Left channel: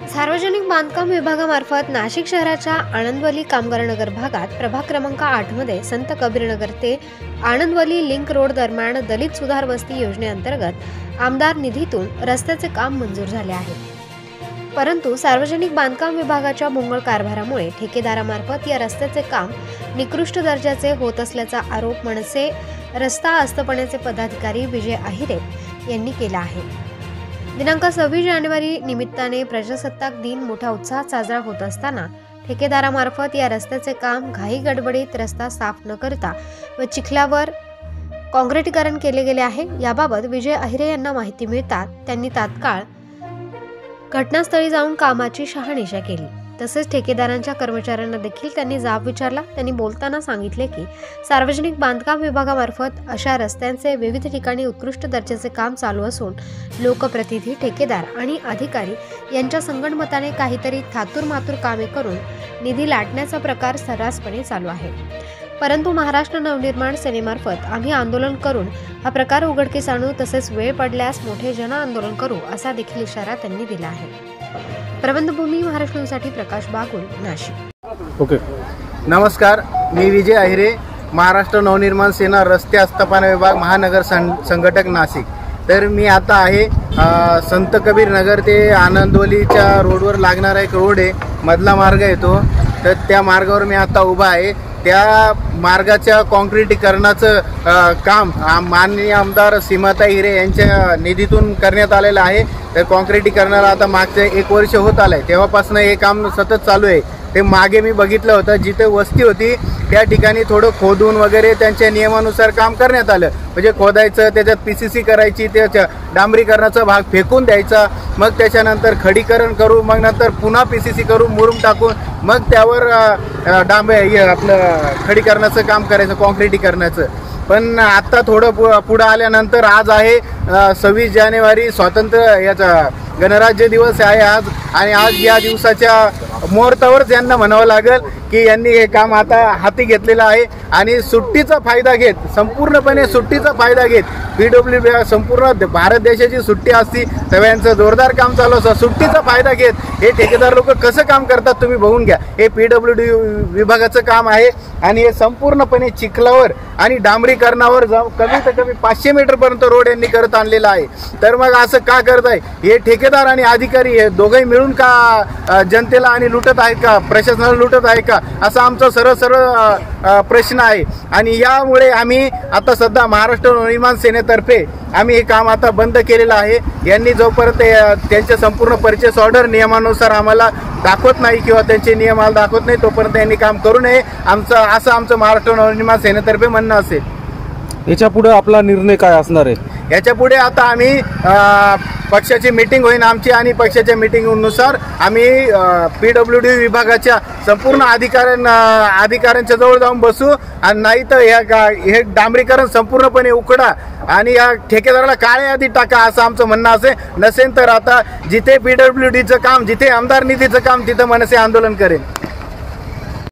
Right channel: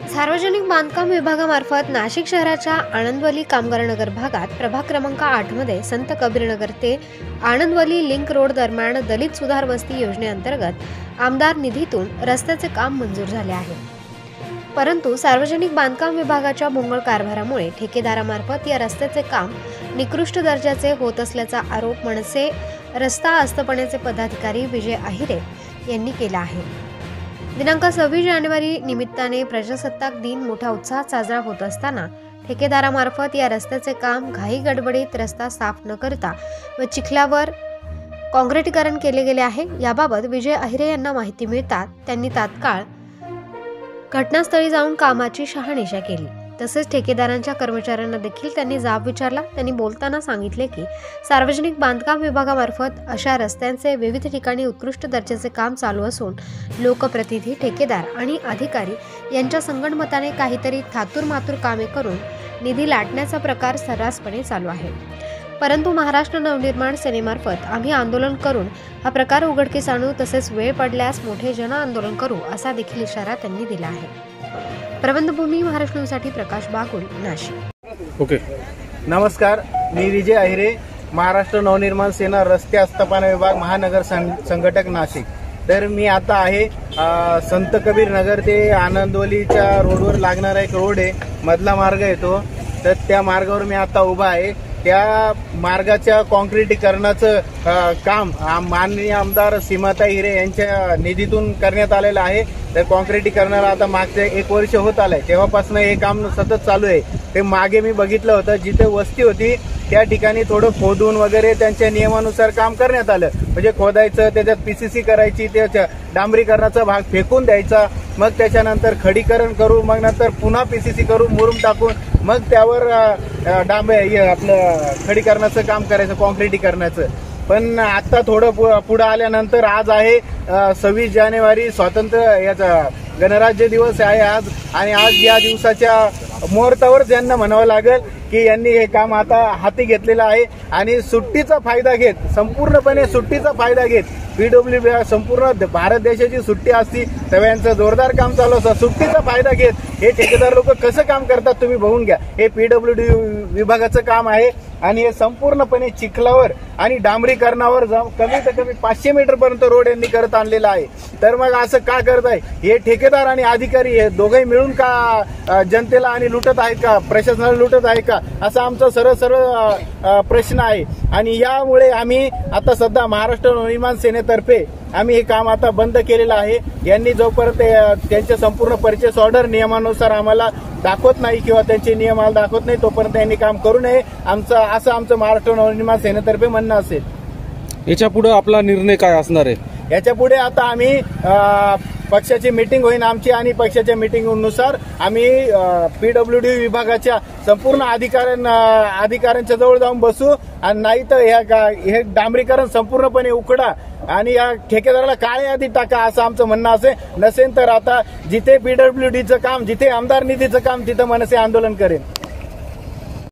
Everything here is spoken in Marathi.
सार्वजनिक बांधकाम विभागामार्फत नाशिक शहराच्या आनंदवली कामगार नगर भागात प्रभाग क्रमांक 8 मध्ये संत कबीरनगर ते आनंदवली लिंक रोड दरम्यान दलित सुधार वस्ती योजनेअंतर्गत आमदार निधीतून रस्त्याचे काम मंजूर झाले आहे। परंतु सार्वजनिक बांधकाम विभागाच्या भोंगळ कारभारामुळे ठेकेदारामार्फत या रस्त्याचे काम निकृष्ट दर्जाचे होत असल्याचा आरोप मनसे रस्ता आस्थापनेचे पदाधिकारी विजय अहिरे यांनी केला आहे। दिनांक 26 जानेवारी निमित्ताने प्रजासत्ताक दिन मोठ्या उत्साहात साजरा होत असताना ठेकेदारामार्फत या रस्त्याचे काम घाई गडबडीत रस्ता साफ न करता व चिखलावर काँक्रिटीकरण केले गेले आहे। याबाबत विजय अहिरे यांना माहिती मिळतात त्यांनी तात्काळ घटनास्थळी जाऊन कामाची शहानिशा केली। तसेच ठेकेदारांच्या कर्मचाऱ्यांना देखील त्यांनी जाब विचारला। त्यांनी बोलताना सांगितले की सार्वजनिक बांधकाम विभागामार्फत अशा रस्त्यांचे विविध ठिकाणी उत्कृष्ट दर्जाचे काम चालू असून लोकप्रतिनिधी, ठेकेदार आणि अधिकारी यांच्या संगनमताने काहीतरी थातूरमातूर कामे करून निधी लाटण्याचा प्रकार सर्रासपणे चालू आहे। परंतु महाराष्ट्र नवनिर्माण सेनेमार्फत आम्ही आंदोलन करून हा प्रकार उघडकीस आणू, तसेच वेळ पडल्यास मोठे जन आंदोलन करू असा देखील इशारा त्यांनी दिला आहे। प्रबंधभूमी महाराष्ट्र न्यूजसाठी प्रकाश बागुल, नाशिक। ओके, नमस्कार, मी विजय अहिरे, महाराष्ट्र नवनिर्माण सेना रस्ते आस्थापना विभाग महानगर संघटक, नाशिक। तर मी आता आहे संत कबीर नगर ते आनंदवलीच्या रोडवर लागणारा एक रोड आहे, मधला मार्ग आहे तो। तर त्या मार्गावर मी आता उभा आहे। त्या मार्गाच्या काँक्रिटीकरणाचं काम माननीय आमदार सीमाताई हिरे यांच्या निधीतून करण्यात आलेलं आहे। तर काँक्रिटीकरणाला आता मागचे 1 वर्ष होत आलंय, तेव्हापासून हे काम सतत चालू आहे। ते मागे मी बघितलं होतं, जिथे वस्ती होती त्या ठिकाणी थोडं खोदून वगैरे त्यांच्या नियमानुसार काम करण्यात आलं। म्हणजे खोदायचं, त्याच्यात PCC करायची, त्याच्या डांबरीकरणाचा भाग फेकून द्यायचा, मग त्याच्यानंतर खडीकरण करू, मग नंतर पुन्हा PCC करू, मुरुम टाकून मग त्यावर आपलं खडीकरणाचं काम करायचं, काँक्रिटीकरणाचं। पण आता थोडं पुढे आल्यानंतर आज आहे 26 जानेवारी, स्वातंत्र्य याचा गणराज्य दिवस आहे आज। आणि आज या दिवसाच्या मुहूर्तावरच यांना म्हणावं लागेल की यांनी हे काम आता हाती घेतलेलं आहे आणि सुट्टीचा फायदा घेत, संपूर्णपणे सुट्टीचा फायदा घेत, PWD संपूर्ण भारत देशाची सुट्टी असती, सगळ्यांचं जोरदार काम चालू असतं, सुट्टीचा फायदा घेत हे ठेकेदार लोक कसं काम करतात तुम्ही बघून घ्या। हे PWD विभागाचं काम आहे आणि हे संपूर्णपणे चिखलावर आणि डांबरीकरणावर कमीत कमी 500 मीटर पर्यंत रोड यांनी करत आणलेला आहे। तर मग असं का करत आहे हे ठेकेदार आणि अधिकारी, हे दोघंही मिळून का जनतेला आणि लुटत आहे का, प्रशासनाला लुटत आहे का, असा आमचा सरळ प्रश्न आहे। आणि यामुळे आम्ही आता सध्या महाराष्ट्र नवनिर्माण सेनेतर्फे आम्ही हे काम आता बंद केलेलं आहे। यांनी जोपर्यंत त्यांचे संपूर्ण परचेस ऑर्डर नियमानुसार आम्हाला दाखवत नाही किंवा त्यांचे नियम आम्हाला दाखवत नाही, तोपर्यंत यांनी काम करू नये, असं आमचं महाराष्ट्र नवनिर्माण सेनेतर्फे म्हणणं असेल। याच्या पुढे आपला निर्णय काय असणार आहे? याच्या पुढे आता आम्ही पक्षाची मीटिंग होईल आमची आणि पक्षाच्या मीटिंगनुसार आम्ही PWD विभागाच्या संपूर्ण अधिकाऱ्यांच्या जवळ जाऊन बसू आणि नाही तर हे डांबरीकरण संपूर्णपणे उकडा आणि या ठेकेदाराला काळ्या यादीत टाका, असं आमचं म्हणणं असेल। नसेल तर आता जिथे PWDचं काम, जिथे आमदार निधीचं काम, तिथं मनसे आंदोलन करेल।